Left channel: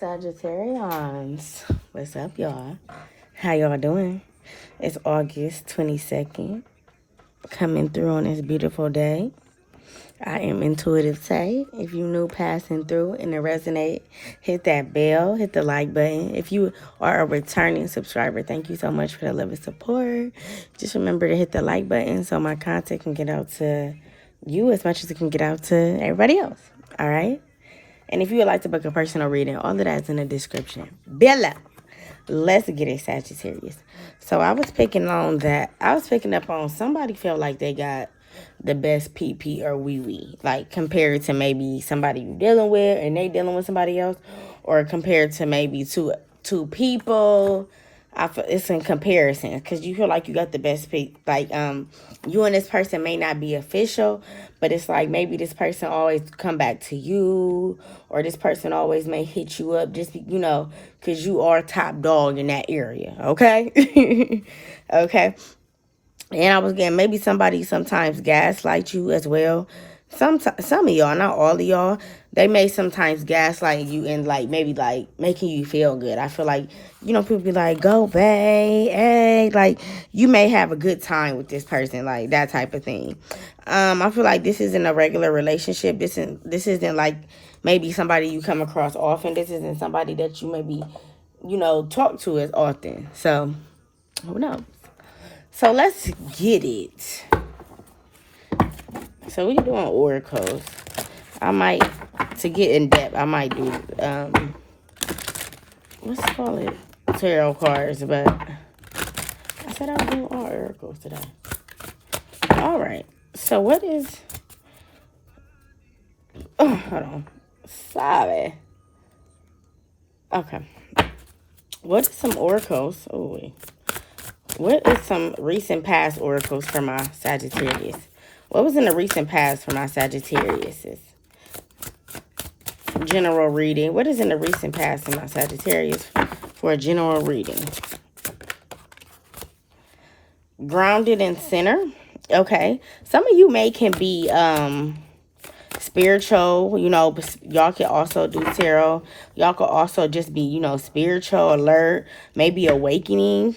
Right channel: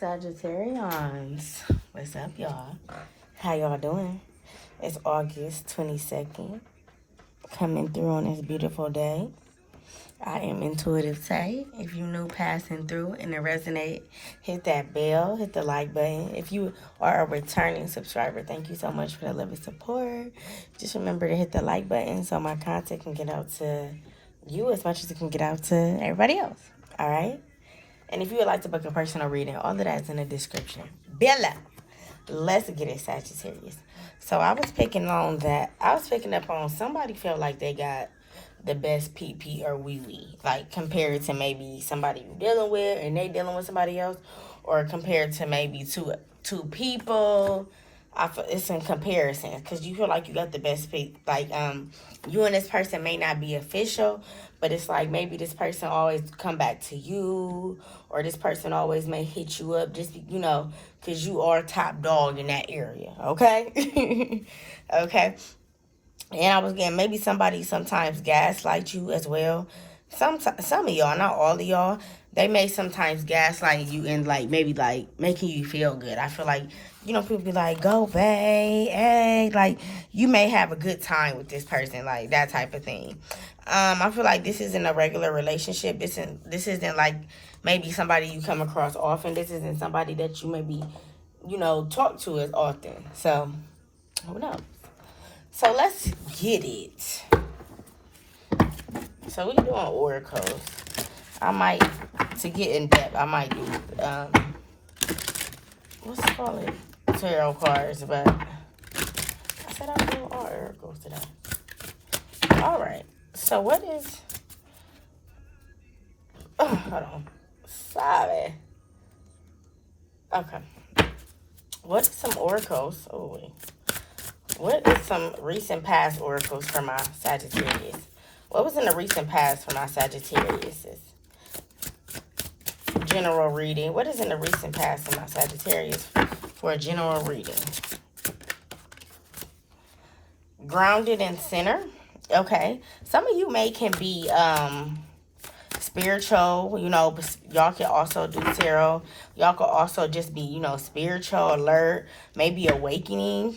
Sagittarians, what's up, y'all? How y'all doing? It's August 22nd, coming through on this beautiful day. I am Intuitive Tay. If you new passing through and it resonate, hit that bell, hit the like button. If you are a returning subscriber, thank you so much for the love and support. Just remember to hit the like button so my content can get out to you as much as it can get out to everybody else. All right? And if you would like to book a personal reading, all of that's in the description below. Let's get it, Sagittarius. So I was picking up on somebody felt like they got the best PP or wee-wee. Like compared to maybe somebody you're dealing with and they dealing with somebody else. Or compared to maybe two people. It's in comparison. Because you feel like you got the best pick. Like you and this person may not be official. But it's like maybe this person always come back to you, or this person always may hit you up just, because you are top dog in that area, okay? Okay. And I was getting maybe somebody sometimes gaslight you as well. Some of y'all, not all of y'all, they may sometimes gaslight you and maybe making you feel good. I feel like, people be like, go babe, hey, like you may have a good time with this person, like that type of thing. I feel like this isn't a regular relationship. This isn't like maybe somebody you come across often. This isn't somebody that you maybe, talk to as often. So, who knows? So, let's get it. So, we're doing oracles. To get in depth, I might do, let's call it tarot cards, but I said I was doing all oracles today. All right. So what is, hold on, sorry. Okay. What are some oracles? Oh, wait. What is some recent past oracles for my Sagittarius? What was in the recent past for my Sagittarius? General reading. What is in the recent past for my Sagittarius for a general reading? Grounded in center. Okay. Some of you can be spiritual, y'all can also do tarot. Y'all could also just be, spiritual, alert, maybe awakening.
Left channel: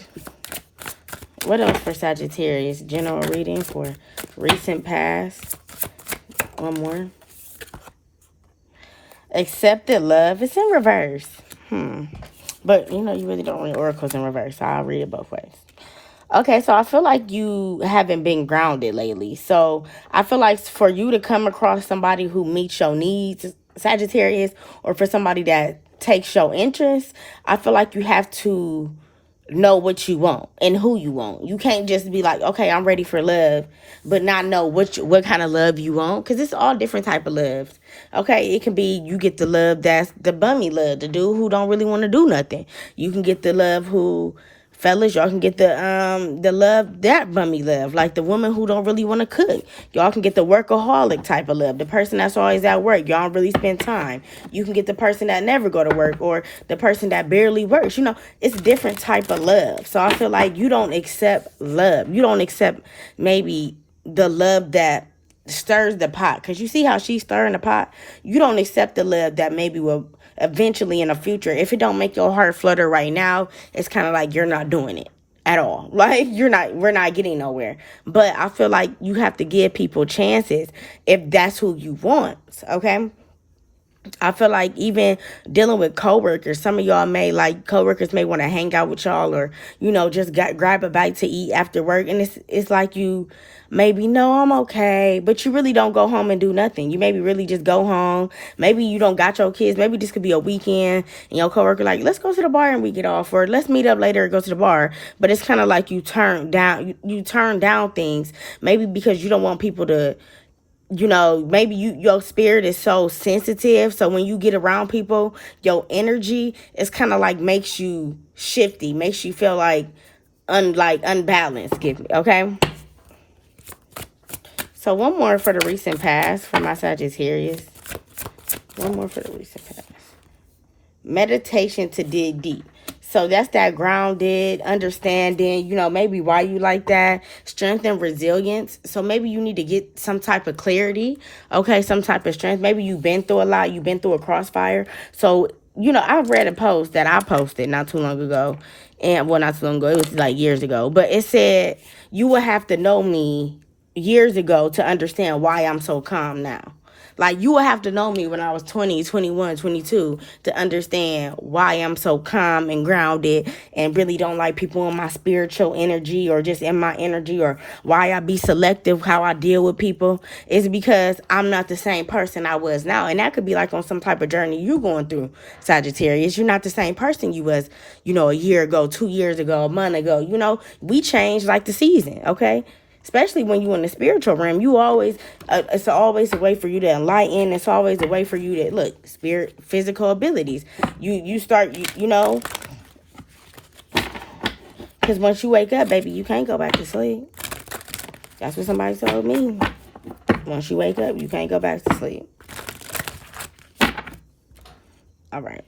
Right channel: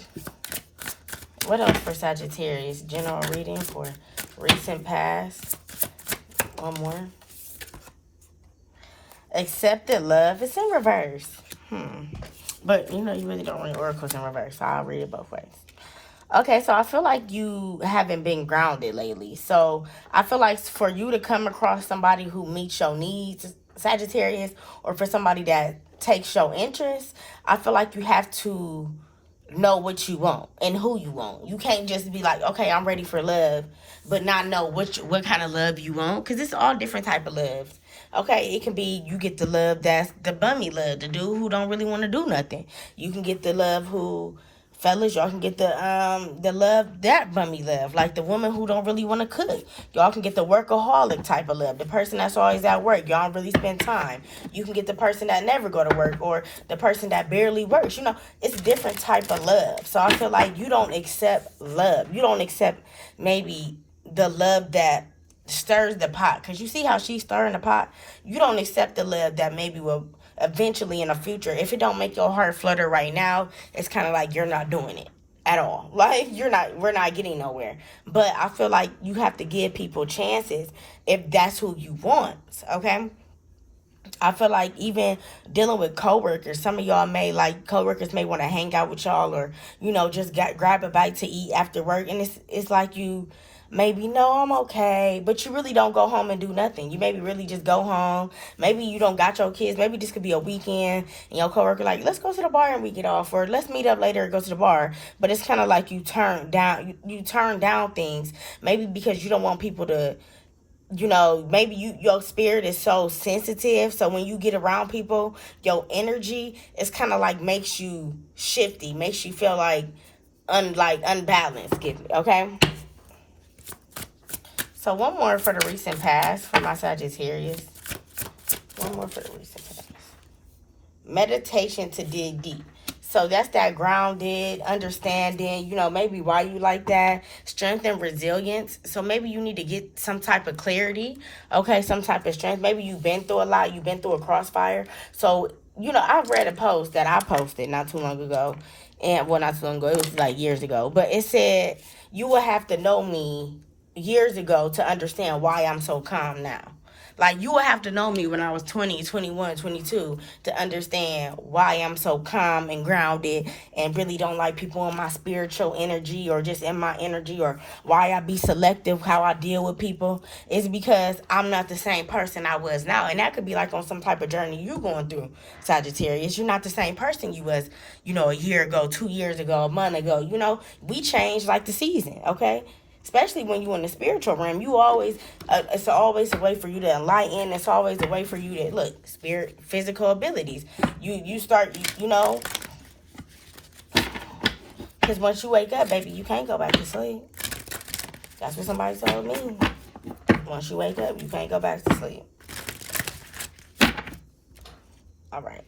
What else for Sagittarius? General reading for recent past. One more. Accepted love. It's in reverse. But, you really don't read oracles in reverse, so I'll read it both ways. Okay, so I feel like you haven't been grounded lately. So I feel like for you to come across somebody who meets your needs, Sagittarius, or for somebody that takes your interest, I feel like you have to know what you want and who you want. You can't just be like, okay, I'm ready for love, but not know what kind of love you want, because it's all different type of love. Okay, it can be you get the love that's the bummy love, the dude who don't really want to do nothing. You can get the love who... Fellas, y'all can get the love, that bummy love, like the woman who don't really want to cook. Y'all can get the workaholic type of love, the person that's always at work. Y'all don't really spend time. You can get the person that never go to work, or the person that barely works. It's a different type of love. So I feel like you don't accept love. You don't accept maybe the love that stirs the pot, because you see how she's stirring the pot. You don't accept the love that maybe will eventually in the future, if it don't make your heart flutter right now, it's kind of like you're not doing it at all. Like we're not getting nowhere. But I feel like you have to give people chances if that's who you want. Okay. I feel like even dealing with coworkers, some of y'all coworkers may want to hang out with y'all, or just grab a bite to eat after work, and it's like you maybe, no, I'm okay, but you really don't go home and do nothing. You maybe really just go home. Maybe you don't got your kids. Maybe this could be a weekend and your coworker like, let's go to the bar and we get off, or let's meet up later and go to the bar. But it's kind of like you turn down things, maybe because you don't want people to, maybe your spirit is so sensitive. So when you get around people, your energy is kind of like makes you shifty, makes you feel like unbalanced. Okay. So one more for the recent past for my Sagittarius. One more for the recent past. Meditation to dig deep. So that's that grounded, understanding, maybe why you like that. Strength and resilience. So maybe you need to get some type of clarity. Okay, some type of strength. Maybe you've been through a lot. You've been through a crossfire. So you know, I've read a post that I posted not too long ago. And, well, not too long ago. It was like years ago. But it said, you would have to know me years ago to understand why I'm so calm now. Like, you would have to know me when I was 20, 21, 22 to understand why I'm so calm and grounded and really don't like people in my spiritual energy or just in my energy, or why I be selective how I deal with people. It's because I'm not the same person I was now. And that could be like on some type of journey you going through, Sagittarius. You're not the same person you was, you know, a year ago, 2 years ago, a month ago. You know, we change like the season, okay? Especially when you in the spiritual realm, you always, it's always a way for you to enlighten. It's always a way for you to, look, spirit, physical abilities. You start, you know, because once you wake up, baby, you can't go back to sleep. That's what somebody told me. Once you wake up, you can't go back to sleep. All right.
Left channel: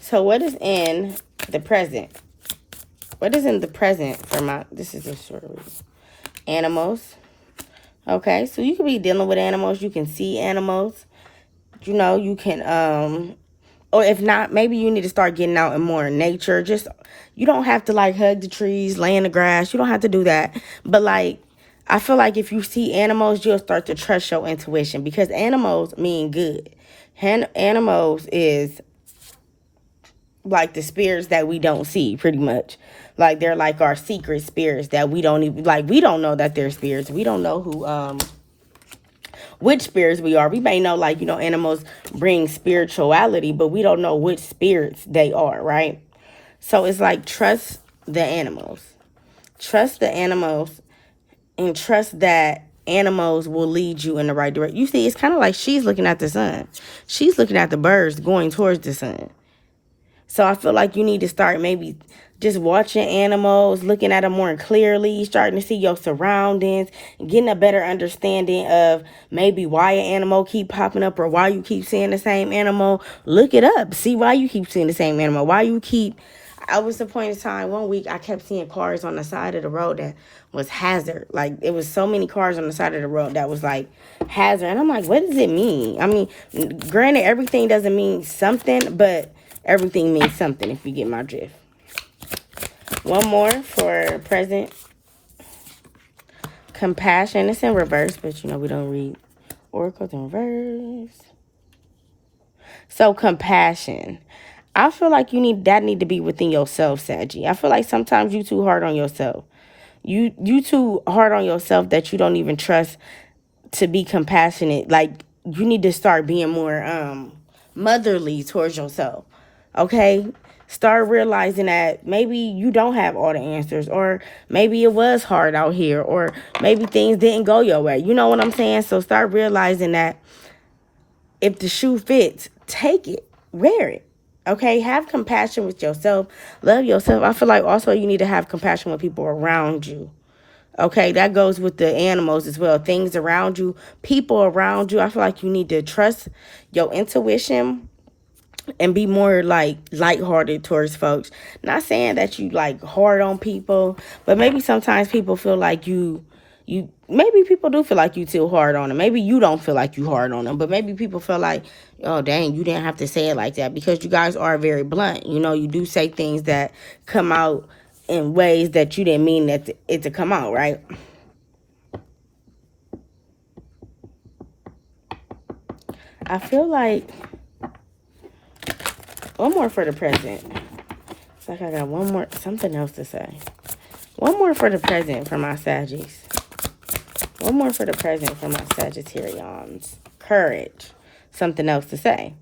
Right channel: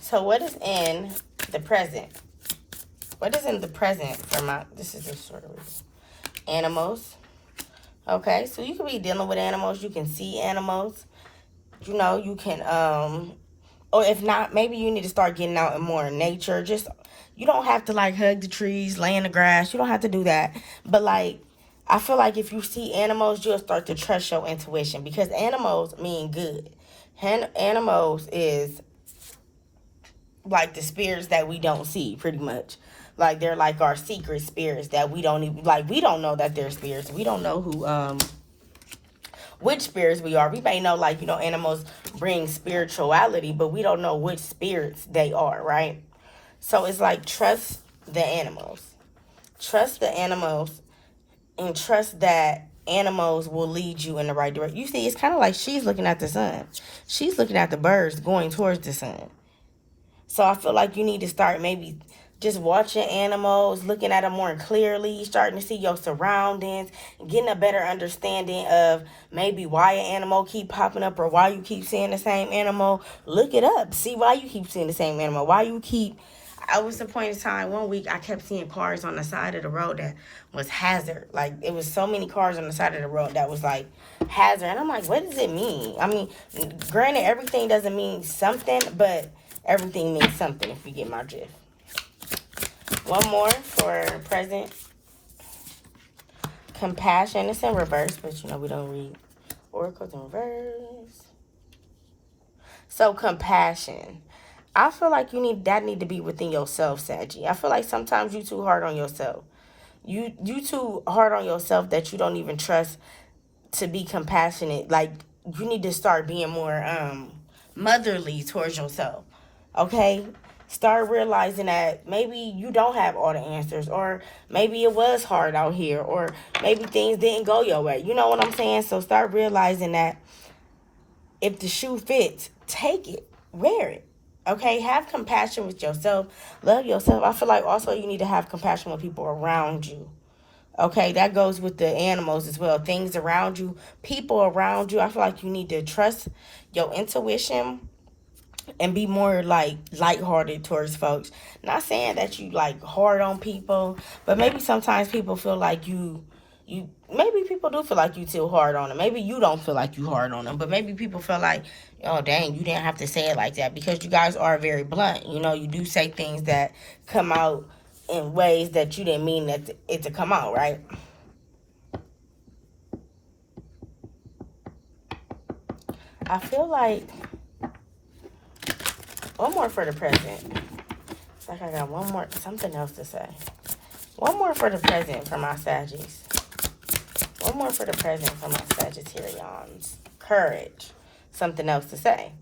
So what is in the present? What is in the present for my, this is a short read. Animals. Okay, so you could be dealing with animals. You can see animals. You know, you can, or if not, maybe you need to start getting out in more nature. Just, you don't have to like hug the trees, lay in the grass. You don't have to do that. But like, I feel like if you see animals, you'll start to trust your intuition, because animals mean good. Animals is like the spirits that we don't see, pretty much. Like, they're like our secret spirits that we don't even, like, we don't know that they're spirits. We don't know who, which spirits we are. We may know, like, you know, animals bring spirituality, but we don't know which spirits they are, right? So it's like, trust the animals. Trust the animals, and trust that animals will lead you in the right direction. You see, it's kind of like she's looking at the sun. She's looking at the birds going towards the sun. So I feel like you need to start maybe just watching animals, looking at them more clearly, starting to see your surroundings, getting a better understanding of maybe why an animal keep popping up or why you keep seeing the same animal. Look it up. See why you keep seeing the same animal. Why you keep... I was the point in time, one week, I kept seeing cars on the side of the road that was hazard. Like, it was so many cars on the side of the road that was, like, hazard. And I'm like, what does it mean? I mean, granted, everything doesn't mean something, but everything means something, if you get my drift. One more for present. Compassion. It's in reverse, but, you know, we don't read oracles in reverse. So, compassion. I feel like need to be within yourself, Saggy. I feel like sometimes you too hard on yourself. You too hard on yourself that you don't even trust to be compassionate. Like, you need to start being more motherly towards yourself. Okay? Start realizing that maybe you don't have all the answers, or maybe it was hard out here, or maybe things didn't go your way. You know what I'm saying? So start realizing that if the shoe fits, take it, wear it. Okay, have compassion with yourself. Love yourself. I feel like also you need to have compassion with people around you. Okay, that goes with the animals as well. Things around you, people around you. I feel like you need to trust your intuition and be more like lighthearted towards folks. Not saying that you like hard on people, but maybe sometimes people feel like you maybe people do feel like you too hard on them. Maybe you don't feel like you hard on them, but maybe people feel like, oh dang, you didn't have to say it like that, because you guys are very blunt. You know, you do say things that come out in ways that you didn't mean it to come out, right? I feel like one more for the present. It's like I got one more, something else to say. One more for the present for my Saggies. One more for the present for my Sagittarians. Courage. Something else to say.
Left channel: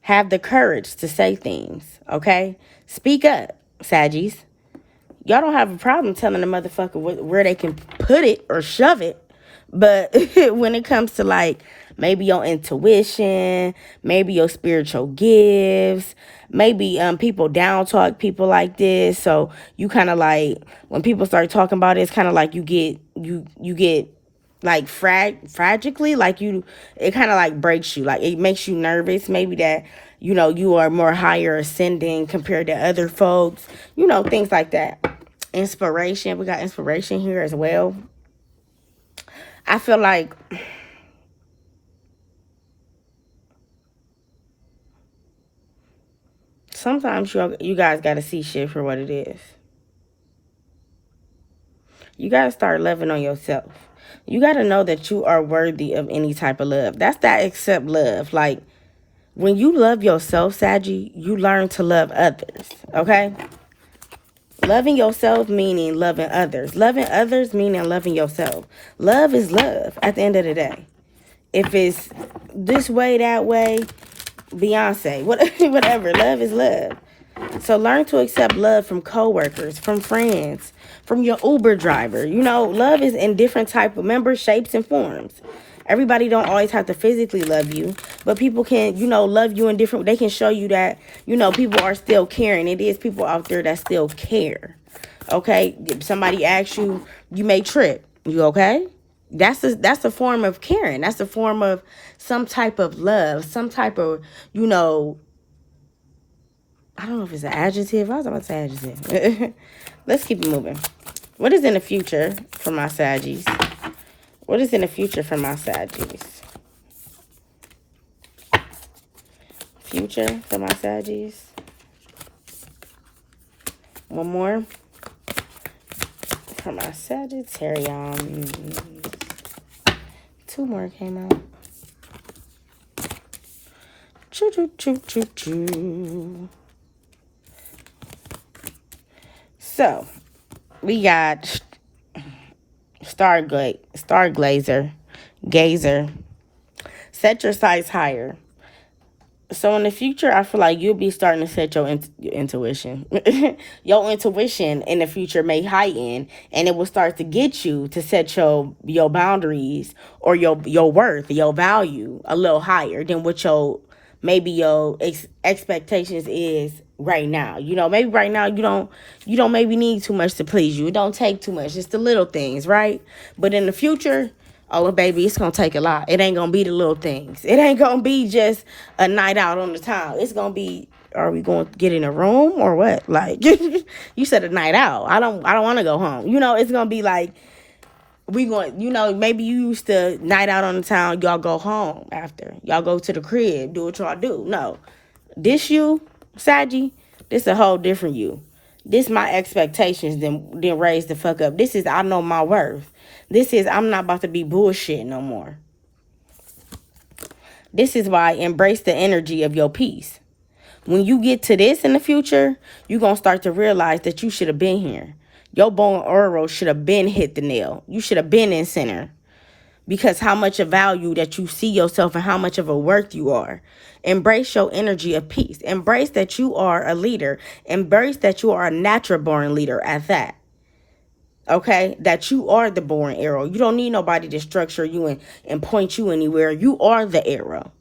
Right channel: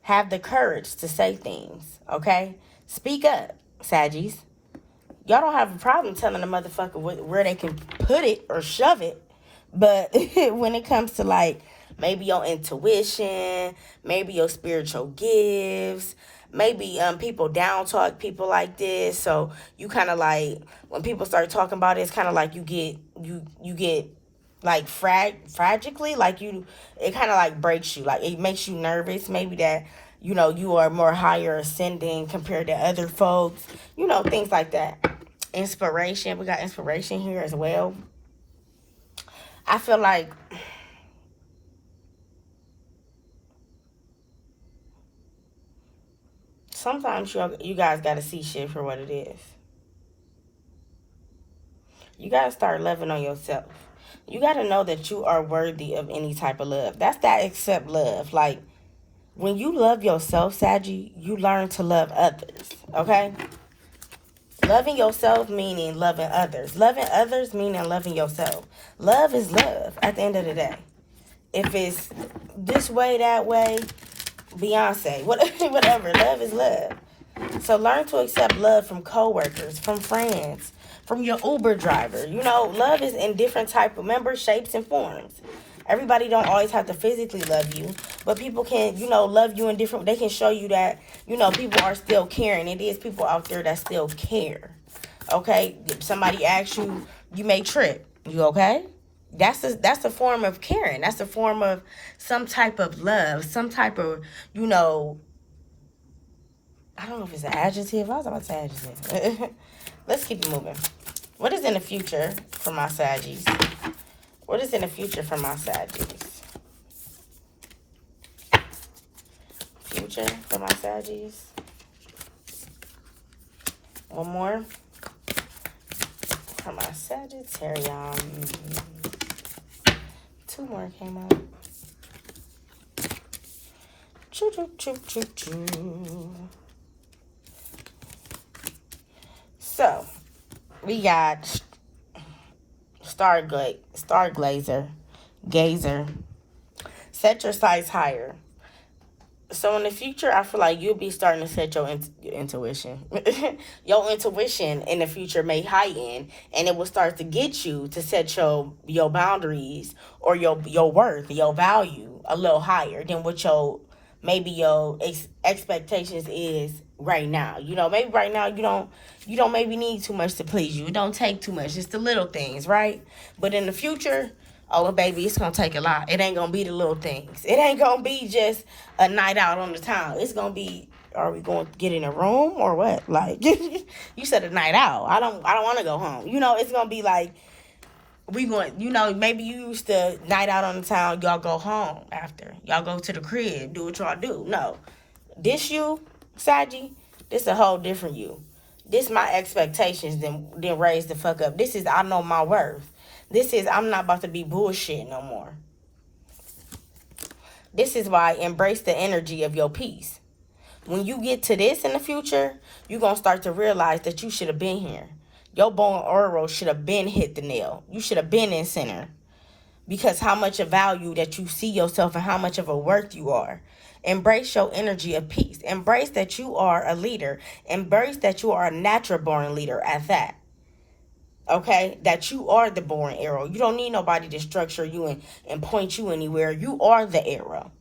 Have the courage to say things, okay? Speak up, Saggies. Y'all don't have a problem telling the motherfucker where they can put it or shove it. But when it comes to, like, maybe your intuition, maybe your spiritual gifts, maybe people down talk people like this. So you kind of like, when people start talking about it, it's kind of like you get like fragically, like it kind of like breaks you. Like, it makes you nervous. Maybe that, you know, you are more higher ascending compared to other folks. You know, things like that. Inspiration. We got inspiration here as well. I feel like sometimes you guys got to see shit for what it is. You got to start loving on yourself. You got to know that you are worthy of any type of love. That's that accept love. Like, when you love yourself, Saggy, you learn to love others, okay? Loving yourself meaning loving others. Loving others meaning loving yourself. Love is love at the end of the day. If it's this way, that way, Beyonce, whatever, love is love. So learn to accept love from coworkers, from friends, from your Uber driver. You know, love is in different type of members, shapes, and forms. Everybody don't always have to physically love you, but people can, you know, love you in different, they can show you that, you know, people are still caring. It is people out there that still care. Okay? If somebody asks you, you may trip. You okay? That's a form of caring. That's a form of some type of love, some type of, you know, I don't know if it's an adjective. I was about to say adjective. Let's keep it moving. What is in the future for my Saggies? What is in the future for my Saggies? Future for my Saggies. One more. For my Sagittarius. Two more came out. Choo choo choo choo choo. So, we got Gazer. Set your sights higher. So in the future, I feel like you'll be starting to set your intuition. Your intuition in the future may heighten, and it will start to get you to set your boundaries or your worth, your value a little higher than what your expectations is right now. You know, maybe right now you don't maybe need too much to please you. It don't take too much. It's the little things, right? But in the future, oh, baby, it's going to take a lot. It ain't going to be the little things. It ain't going to be just a night out on the town. It's going to be, are we going to get in a room or what? Like, you said a night out. I don't want to go home. You know, it's going to be like, we going, you know, maybe you used to night out on the town, y'all go home after. Y'all go to the crib, do what y'all do. No. This you, Saggy, this a whole different you. This my expectations, then raise the fuck up. This is, I know my worth. This is, I'm not about to be bullshit no more. This is why embrace the energy of your peace. When you get to this in the future, you're going to start to realize that you should have been here. Your bone aura should have been hit the nail. You should have been in center. Because how much of value that you see yourself and how much of a worth you are. Embrace your energy of peace. Embrace that you are a leader. Embrace that you are a natural born leader at that. Okay? That you are the born arrow. You don't need nobody to structure you and point you anywhere. You are the arrow.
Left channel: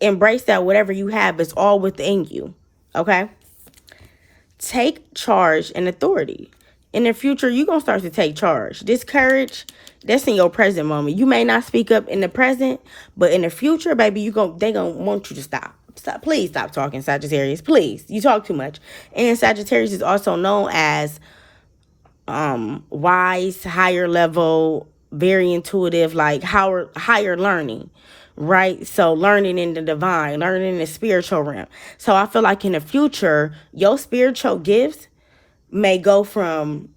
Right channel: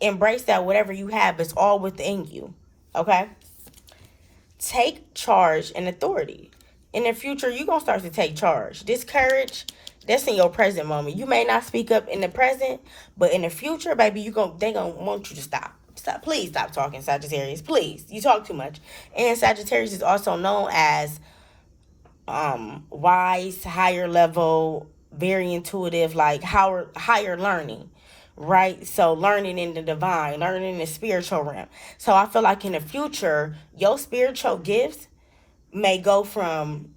Embrace that whatever you have is all within you. Okay? Take charge and authority. In the future, you're going to start to take charge. This courage, that's in your present moment. You may not speak up in the present, but in the future, baby, they going to want you to stop. Stop. Please stop talking, Sagittarius. Please. You talk too much. And Sagittarius is also known as wise, higher level, very intuitive, like higher learning. Right? So learning in the divine, learning in the spiritual realm. So I feel like in the future, your spiritual gifts may go from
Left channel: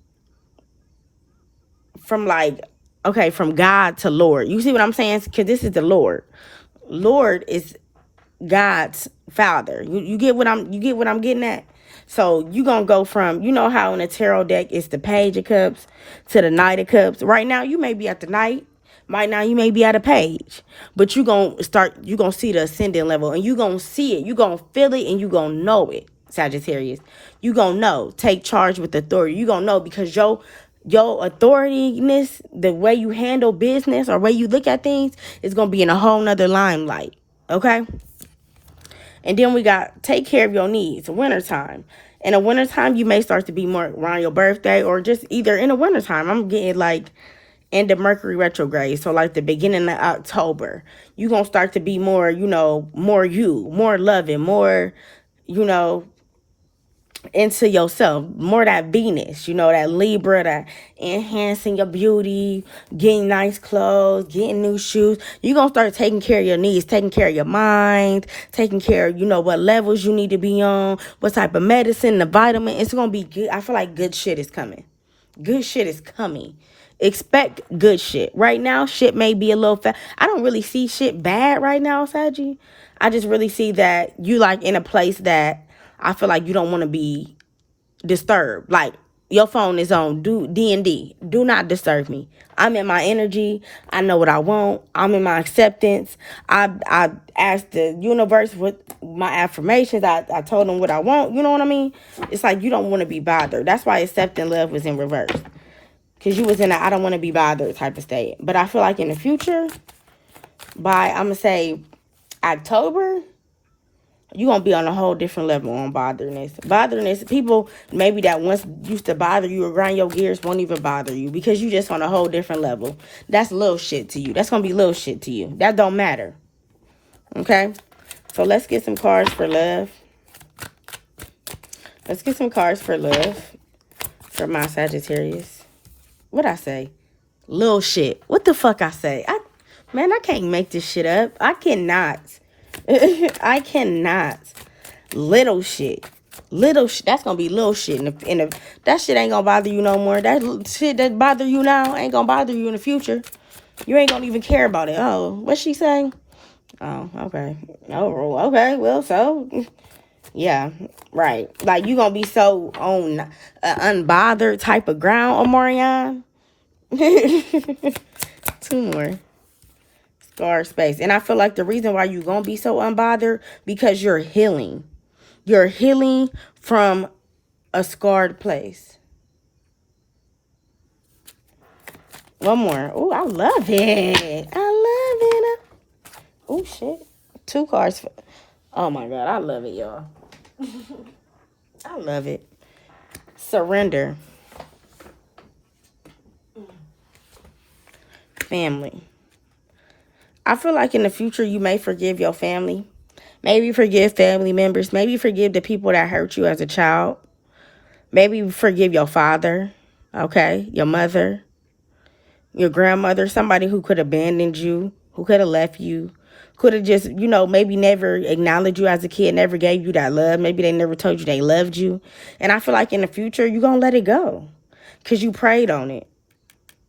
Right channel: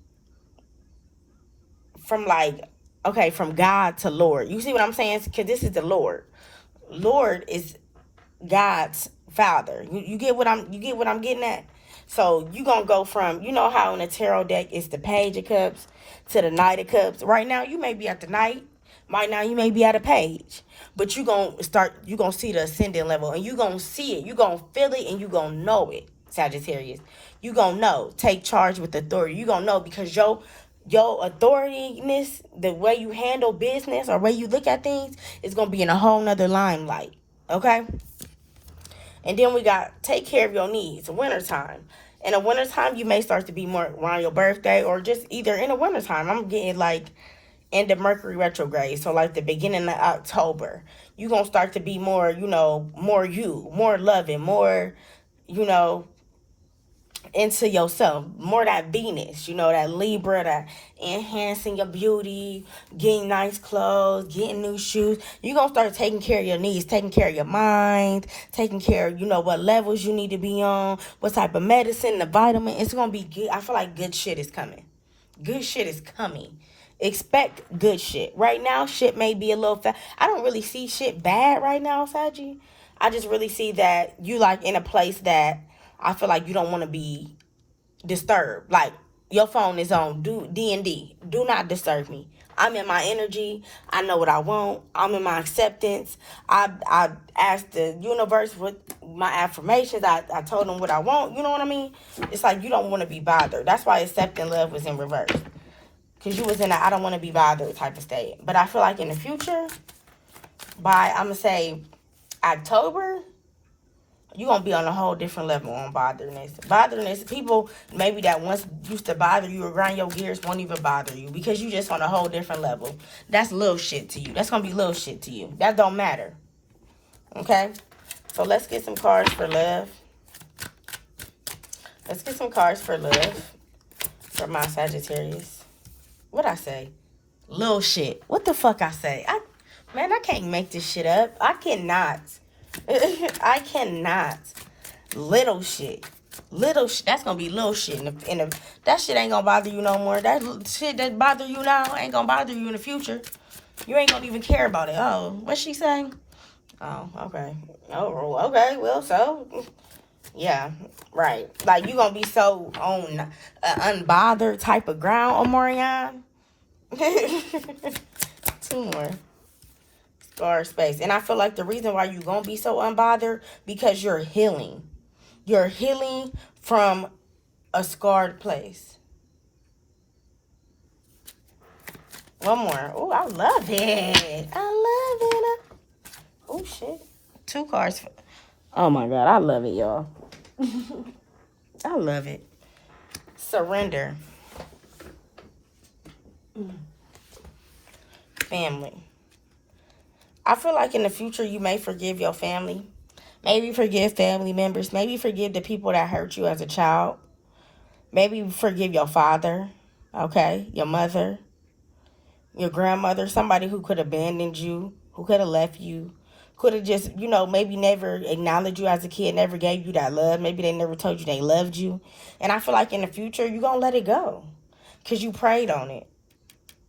God to Lord. You see what I'm saying? Because this is the Lord. Lord is God's father. You get what I'm getting at? So you gonna go from, you know how in a tarot deck it's the Page of Cups to the Knight of Cups. Right now you may be at the Knight. Right now you may be at a Page. But you gonna see the ascending level, and you gonna see it. You gonna feel it, and you gonna know it, Sagittarius. You gonna know. Take charge with authority. You gonna know because your authority-ness, the way you handle business or way you look at things is gonna be in a whole nother limelight. Okay? And then we got take care of your needs. Wintertime. In the wintertime, you may start to be more around your birthday or just either in the wintertime. I'm getting like end of Mercury retrograde. So like the beginning of October. You're going to start to be more, more you, more loving, more, into yourself, more that Venus, you know, that Libra, that enhancing your beauty, getting nice clothes, getting new shoes. You're gonna start taking care of your needs, taking care of your mind, taking care of, you know, what levels you need to be on, what type of medicine, the vitamin. It's gonna be good. I feel like good shit is coming. Good shit is coming. Expect good shit. Right now, shit may be a little fast. I don't really see shit bad right now, Saggy. I just really see that you like in a place that I feel like you don't want to be disturbed. Like your phone is on D&D. Do not disturb me. I'm in my energy. I know what I want. I'm in my acceptance. I asked the universe what my affirmations. I told them what I want. You know what I mean? It's like you don't want to be bothered. That's why accepting love was in reverse. Because you was in a I don't want to be bothered type of state. But I feel like in the future, by I'm going to say October, you're going to be on a whole different level on botherness. Botherness, people maybe that once used to bother you or grind your gears won't even bother you because you just on a whole different level. That's little shit to you. That's going to be little shit to you. That don't matter. Okay? So let's get some cards for love. Let's get some cards for love for my Sagittarius. What'd I say? Little shit. What the fuck I say? Man, I can't make this shit up. I cannot. I cannot. Little shit. Little shit. That's gonna be little shit. That shit ain't gonna bother you no more. That shit that bother you now ain't gonna bother you in the future. You ain't gonna even care about it. Oh, what's she saying? Oh, okay. Oh, okay. Well, so yeah, right. Like you gonna be so on unbothered type of ground, Omarion. 2 more. Scar space. And I feel like the reason why you're going to be so unbothered because you're healing. You're healing from a scarred place. One more. Oh, I love it. I love it. Oh, shit. 2 cards. Oh, my God. I love it, y'all. I love it. Surrender. Family. I feel like in the future you may forgive your family. Maybe forgive family members. Maybe forgive the people that hurt you as a child. Maybe forgive your father, okay? Your mother, your grandmother, somebody who could have abandoned you, who could have left you, could have just, you know, maybe never acknowledged you as a kid, never gave you that love. Maybe they never told you they loved you. And I feel like in the future you're going to let it go because you prayed on it.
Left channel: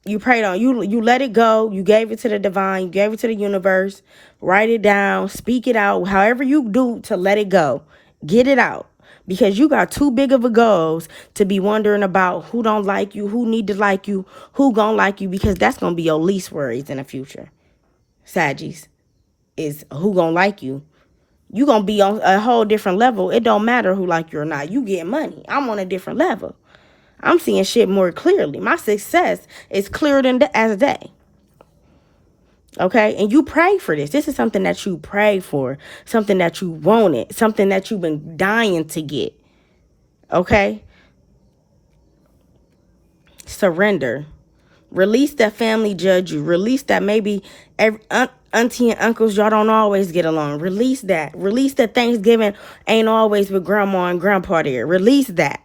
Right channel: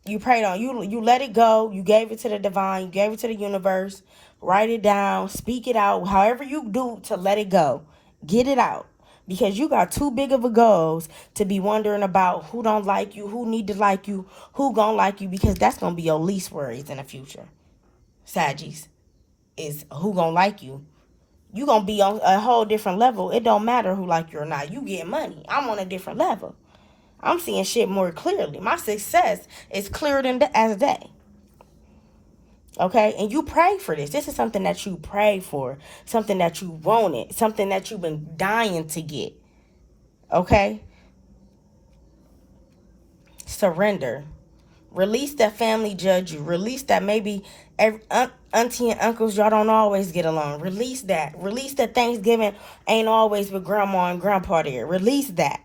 You prayed on you let it go. You gave it to the divine. You gave it to the universe. Write it down. Speak it out. However you do to let it go. Get it out. Because you got too big of a goals to be wondering about who don't like you, who need to like you, who gonna like you. Because that's gonna be your least worries in the future. Saggies. Is who gonna like you. You gonna be on a whole different level. It don't matter who like you or not. You get money. I'm on a different level. I'm seeing shit more clearly. My success is clearer than as day. Okay? And you pray for this. This is something that you pray for. Something that you wanted. Something that you've been dying to get. Okay? Surrender. Release that family judge you. Release that maybe auntie and uncles, y'all don't always get along. Release that. Release that Thanksgiving ain't always with grandma and grandpa there. Release that.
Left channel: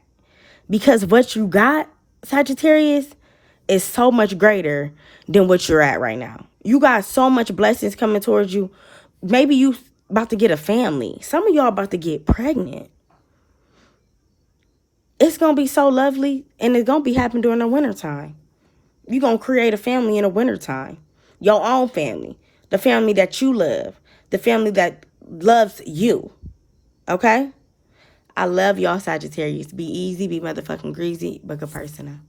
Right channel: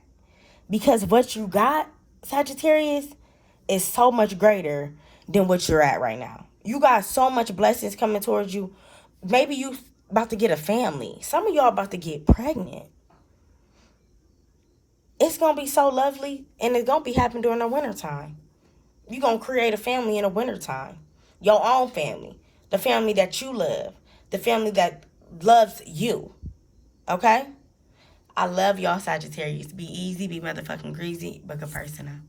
Because what you got, Sagittarius, is so much greater than what you're at right now. You got so much blessings coming towards you. Maybe you about to get a family. Some of y'all about to get pregnant. It's going to be so lovely, and it's going to be happening during the wintertime. You're going to create a family in the wintertime. Your own family. The family that you love. The family that loves you. Okay? I love y'all, Sagittarius. Be easy, be motherfucking greasy, but good person.